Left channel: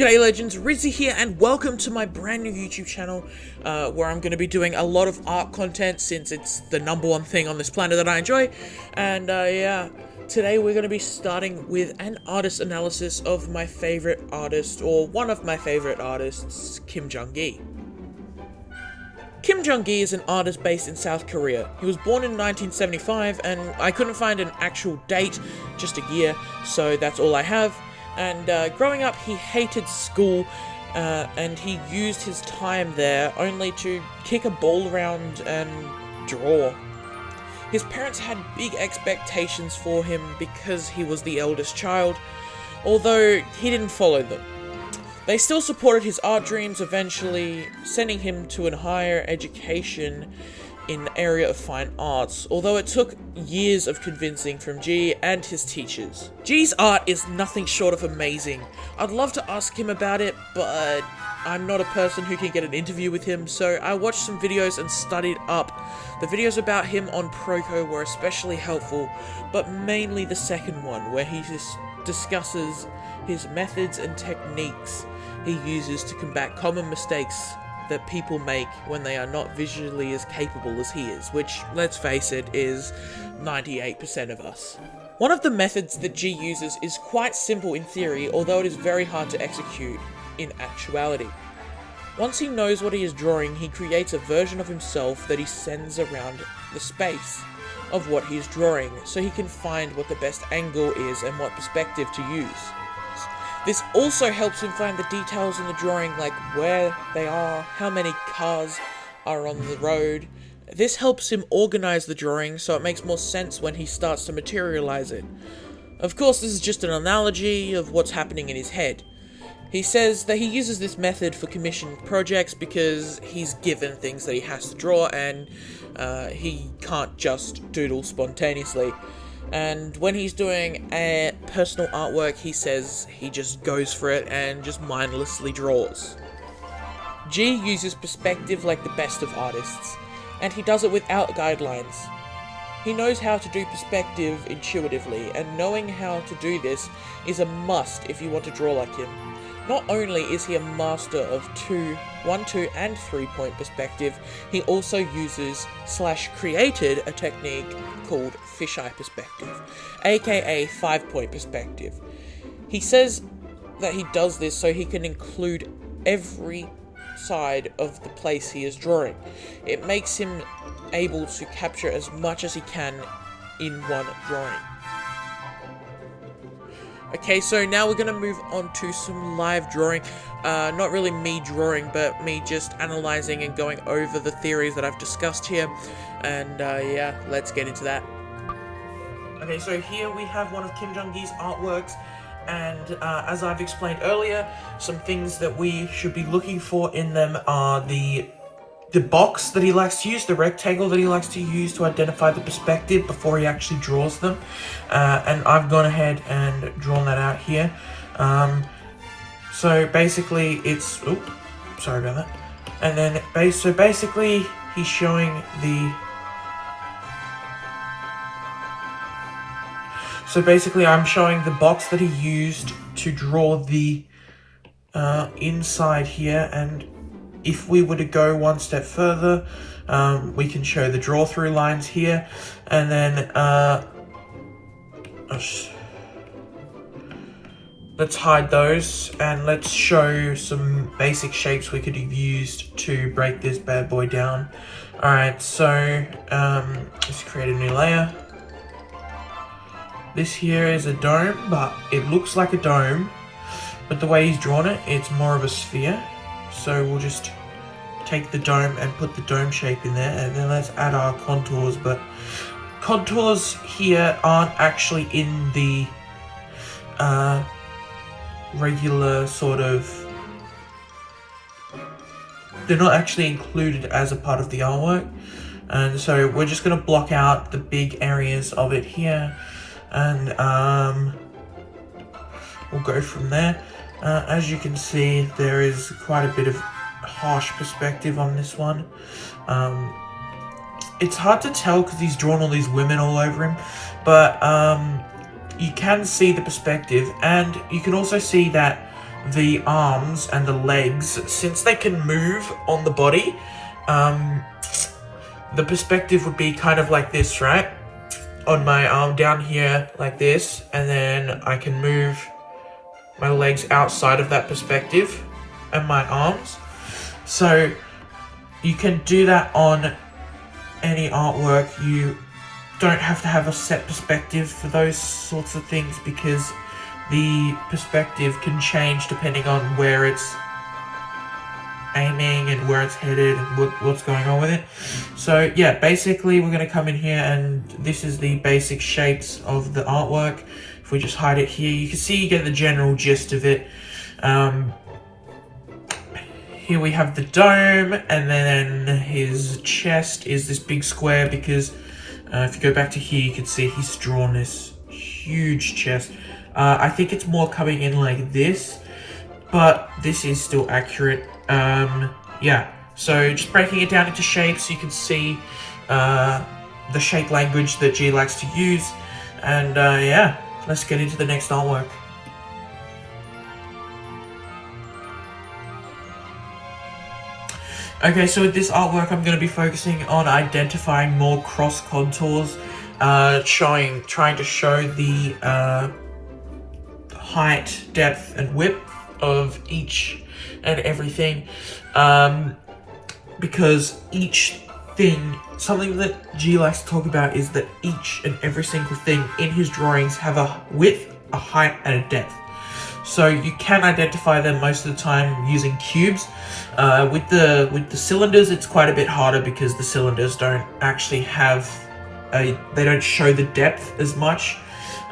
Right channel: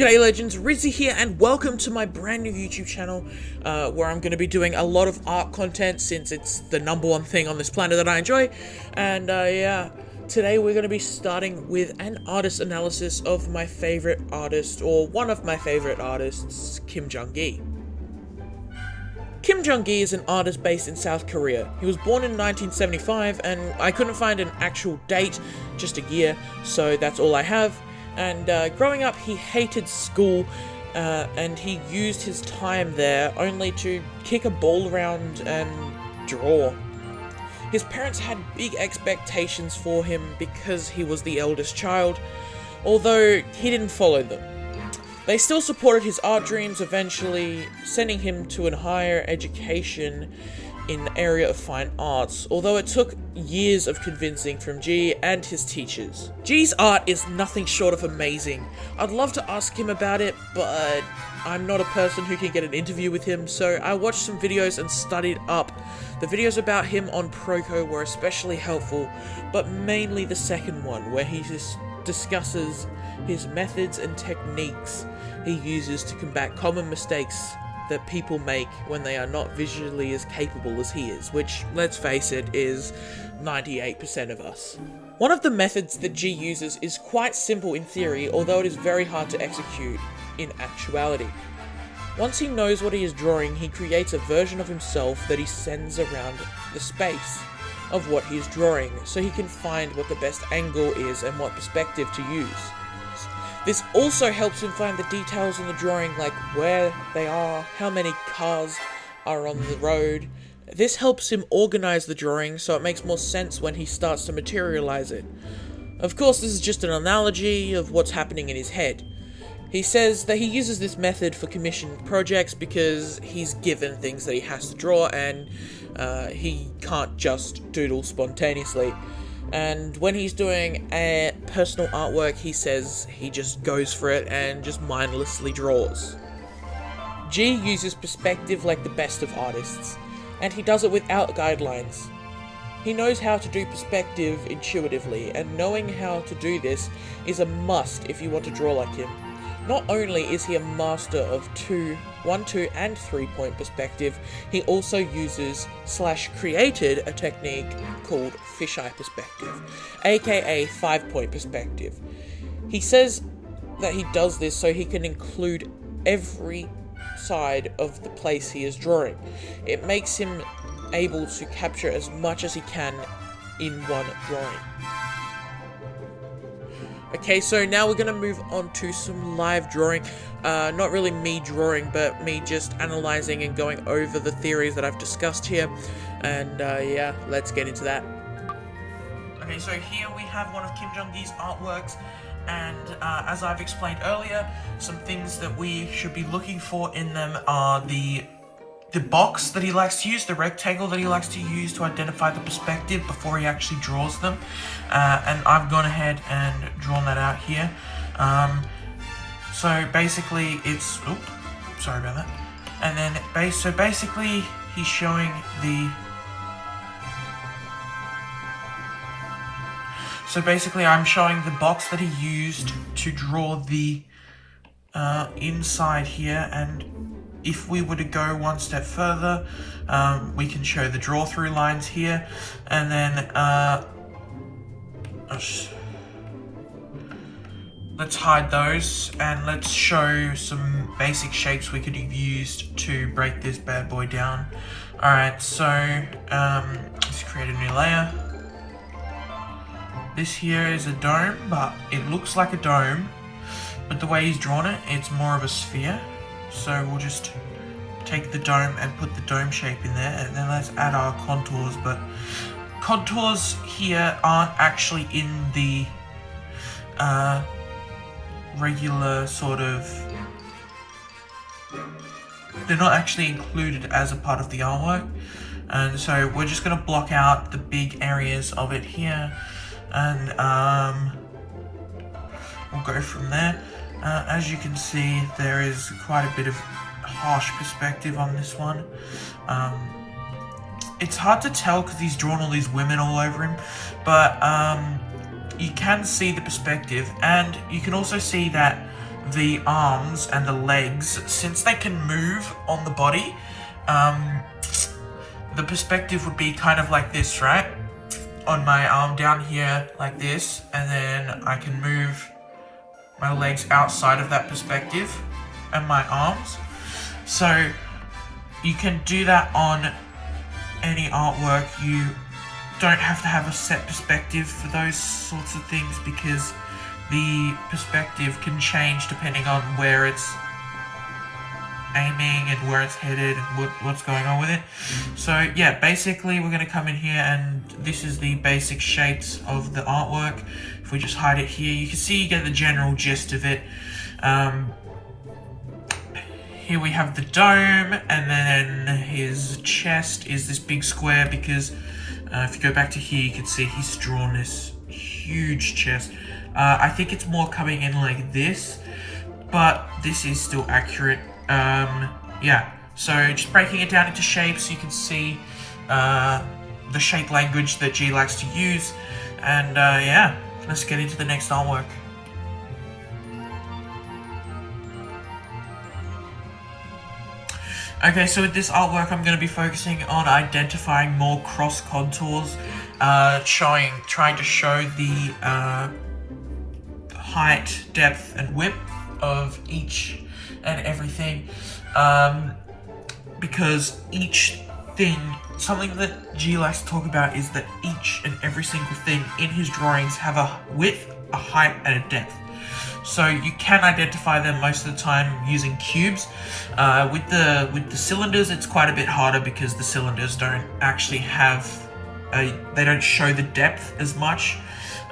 G'day legends, Rizzy here and welcome to my brand new YouTube channel where I'm going to be doing a lot of art content since it's the #1 thing on this planet that I enjoy. And yeah, today we're going to be starting with an artist analysis of my favorite artist, or one of my favorite artists, Kim Jung Gi. Kim Jung Gi is an artist based in South Korea. He was born in 1975 and I couldn't find an actual date, just a year, so that's all I have. And growing up, he hated school, and he used his time there only to kick a ball around and draw. His parents had big expectations for him because he was the eldest child, although he didn't follow them. They still supported his art dreams, eventually sending him to a higher education in the area of fine arts, although it took years of convincing from G and his teachers. G's art is nothing short of amazing. I'd love to ask him about it, but I'm not a person who can get an interview with him, so I watched some videos and studied up. The videos about him on Proko were especially helpful, but mainly the second one, where he discusses his methods and techniques he uses to combat common mistakes that people make when they are not visually as capable as he is, which, let's face it, is 98% of us. One of the methods that G uses is quite simple in theory, although it is very hard to execute in actuality. Once he knows what he is drawing, he creates a version of himself that he sends around the space of what he is drawing, so he can find what the best angle is and what perspective to use. This also helps him find the details in the drawing, like where they are, how many cars are on the road. This helps him organize the drawing so it makes more sense when he starts to materialize it. Of course, this is just an analogy of what's happening in his head. He says that he uses this method for commissioned projects because he's given things that he has to draw and he can't just doodle spontaneously. And when he's doing a personal artwork, he says he just goes for it and just mindlessly draws. G uses perspective like the best of artists, and he does it without guidelines. He knows how to do perspective intuitively, and knowing how to do this is a must if you want to draw like him. Not only is he a master of 1, 2, and 3-point perspective, he also uses / created a technique called fisheye perspective, aka 5-point perspective. He says that he does this so he can include every side of the place he is drawing. It makes him able to capture as much as he can in one drawing. Okay, so now we're going to move on to some live drawing. Not really me drawing, but me just analyzing and going over the theories that I've discussed here. And yeah, let's get into that. Okay, so here we have one of Kim Jung Gi's artworks. And as I've explained earlier, some things that we should be looking for in them are the box that he likes to use, the rectangle that he likes to use to identify the perspective before he actually draws them. And I've gone ahead and drawn that out here. So basically it's, oops, sorry about that. And then, so basically he's showing the, so basically I'm showing the box that he used to draw the inside here, and if we were to go one step further, we can show the draw through lines here, and then let's hide those and let's show some basic shapes we could have used to break this bad boy down. Alright, so let's create a new layer. This here is a dome, but it looks like a dome, but the way he's drawn it, it's more of a sphere. So we'll just take the dome and put the dome shape in there, and then let's add our contours, but contours here aren't actually in the regular sort of, they're not actually included as a part of the artwork, and so we're just going to block out the big areas of it here, and we'll go from there. As you can see, there is quite a bit of harsh perspective on this one. It's hard to tell because he's drawn all these women all over him, but you can see the perspective, and you can also see that the arms and the legs, since they can move on the body, the perspective would be kind of like this, right? On my arm down here, like this, and then I can move my legs outside of that perspective and my arms. So you can do that on any artwork. You don't have to have a set perspective for those sorts of things, because the perspective can change depending on where it's aiming and where it's headed and what's going on with it. So yeah, basically we're going to come in here, and this is the basic shapes of the artwork. If we just hide it here, you can see, you get the general gist of it. Here we have the dome, and then his chest is this big square, because if you go back to here, you can see he's drawn this huge chest. I think it's more coming in like this, but this is still accurate. Yeah, so just breaking it down into shapes, you can see the shape language that G likes to use. And yeah, let's get into the next artwork. Okay, so with this artwork, I'm going to be focusing on identifying more cross contours, trying to show the height, depth, and width of each and everything, because each thing, something that G likes to talk about is that each and every single thing in his drawings have a width, a height, and a depth. So you can identify them most of the time using cubes. With the cylinders, it's quite a bit harder, because the cylinders don't actually have they don't show the depth as much.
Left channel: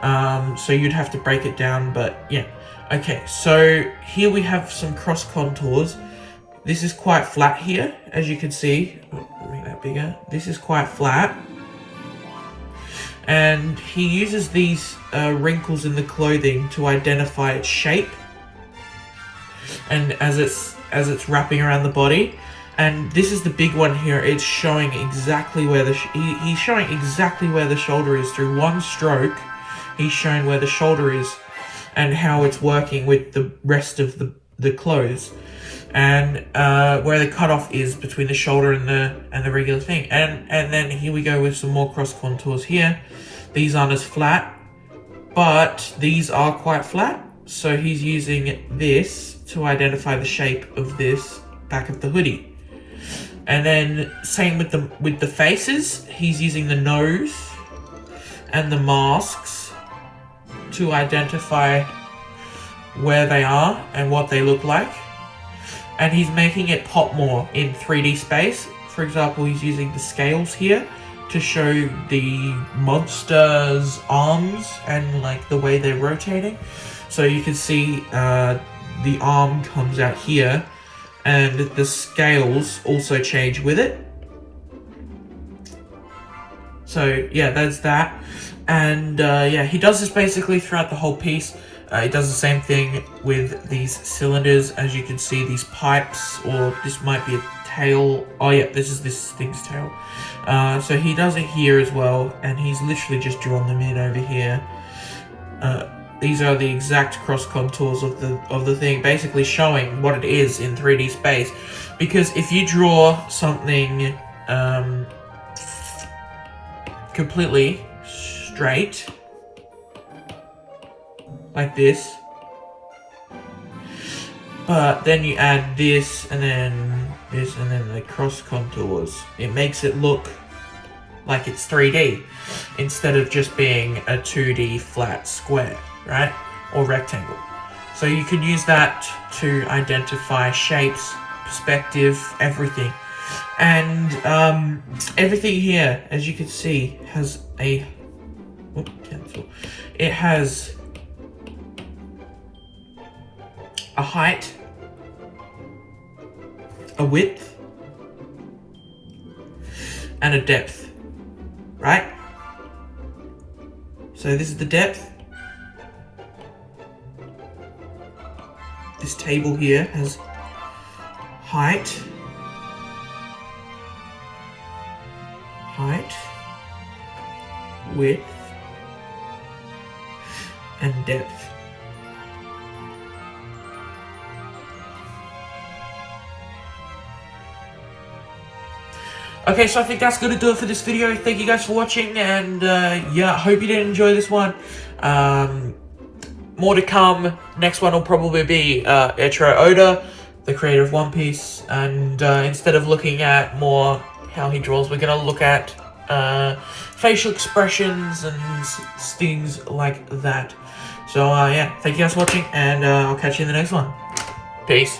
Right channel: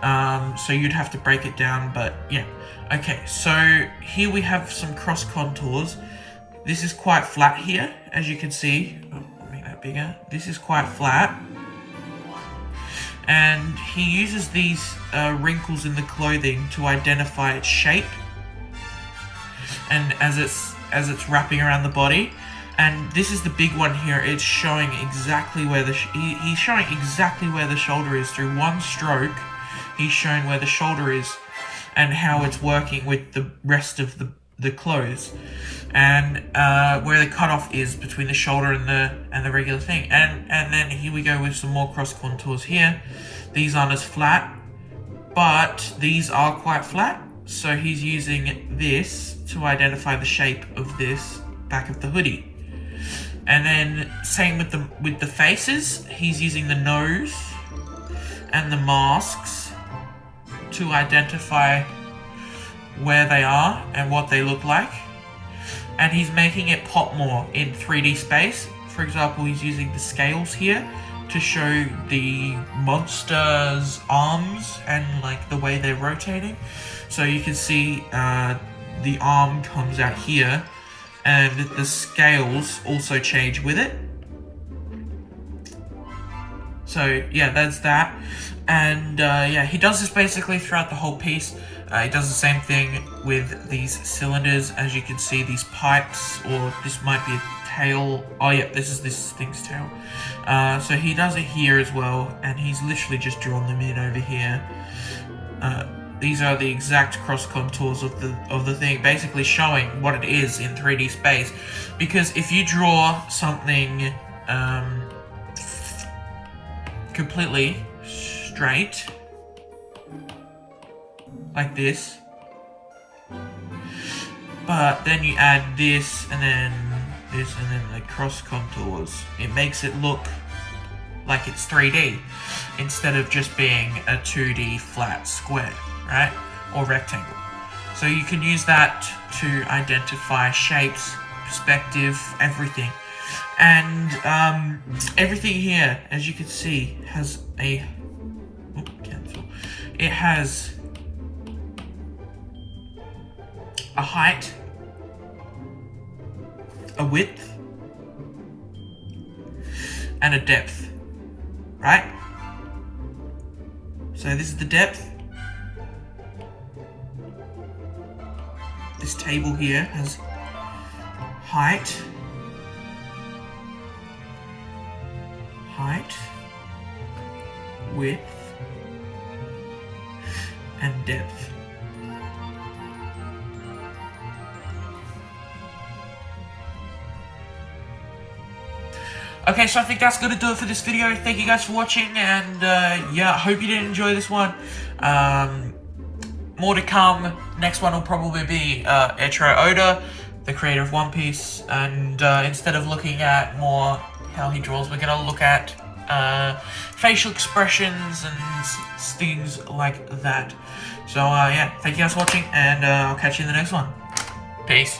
So you'd have to break it down, but yeah. Okay, so here we have some cross contours. This is quite flat here, as you can see. Make that bigger. This is quite flat. And he uses these wrinkles in the clothing to identify its shape, and as it's wrapping around the body. And this is the big one here. It's showing exactly where he's showing exactly where the shoulder is. Through one stroke, he's showing where the shoulder is and how it's working with the rest of the clothes, and where the cutoff is between the shoulder and the regular thing. And then here we go with some more cross contours here. These aren't as flat, but these are quite flat. So he's using this to identify the shape of this back of the hoodie. And then same with the faces, he's using the nose and the masks to identify where they are and what they look like. And he's making it pop more in 3D space. For example, he's using the scales here to show the monster's arms and like the way they're rotating. So you can see the arm comes out here, and the scales also change with it. So yeah, that's that. And yeah, he does this basically throughout the whole piece. He does the same thing with these cylinders. As you can see, these pipes, or this might be a tail. Oh yeah, this is this thing's tail. So he does it here as well, and he's literally just drawn them in over here. These are the exact cross contours of the thing, basically showing what it is in 3D space. Because if you draw something completely straight, like this, but then you add this and then this and then the cross contours, it makes it look like it's 3D instead of just being a 2D flat square, right? Or rectangle. So you can use that to identify shapes, perspective, everything. And everything here, as you can see, has a cancel. It has a height, a width, and a depth, right? So this is the depth. This table here has height, width, and depth. Okay, so I think that's gonna do it for this video. Thank you guys for watching, and yeah, hope you did enjoy this one. More to come. Next one will probably be Eiichiro Oda, the creator of One Piece, and instead of looking at more how he draws, we're gonna look at facial expressions and things like that. So yeah, thank you guys for watching, and I'll catch you in the next one. Peace.